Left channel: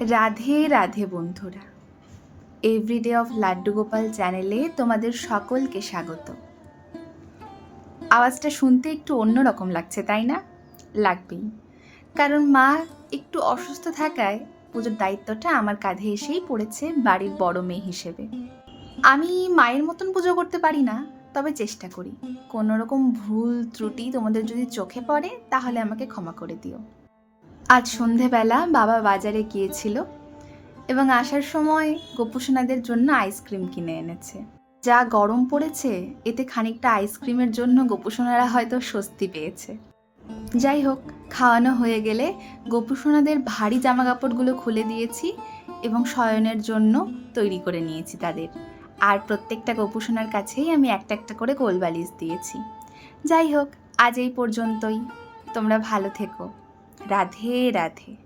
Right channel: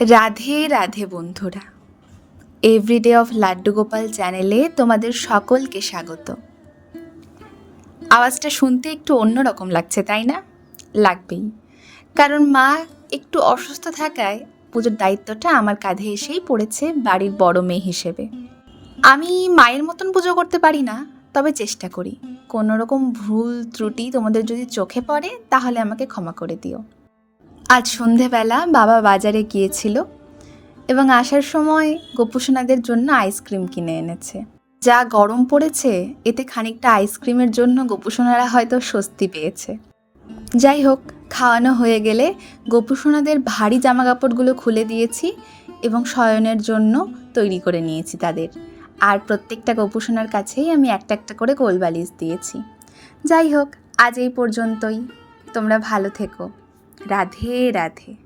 রাধে রাধে বন্ধুরা, everyday of laddu Gopal চ্যানেলে তোমাদের সকলকে স্বাগত। আওয়াজটা শুনতে একটু অন্যরকম লাগছে, তাই না? লাগবেই, কারণ মা একটু অসুস্থ থাকায় পুজোর দায়িত্বটা আমার কাঁধে এসেই পড়েছে বাড়ির বড় মেয়ে হিসেবে। আমি মায়ের মতন পুজো করতে পারি না, তবে চেষ্টা করি। কোনো রকম ভুল ত্রুটি তোমাদের যদি চোখে পড়ে তাহলে আমাকে ক্ষমা করে দিও। আজ সন্ধেবেলা বাবা বাজারে গিয়েছিল এবং আসার সময় গোপুসোনাদের জন্য আইসক্রিম কিনে এনেছে। যা গরম পড়েছে, এতে খানিকটা আইসক্রিমের জন্য গোপুসোনারা হয়তো স্বস্তি পেয়েছে। যাই হোক, খাওয়ানো হয়ে গেলে গোপুসোনাদের ভারী জামা কাপড়গুলো খুলে দিয়েছি এবং শয়নের জন্য তৈরি করে নিয়েছি তাদের। আর প্রত্যেকটা গোপুসোনার কাছেই আমি একটা একটা করে কোলবালিশ দিয়েছি। যাই হোক, আজ এই পর্যন্তই। তোমরা ভালো থেকো। রাধে রাধে।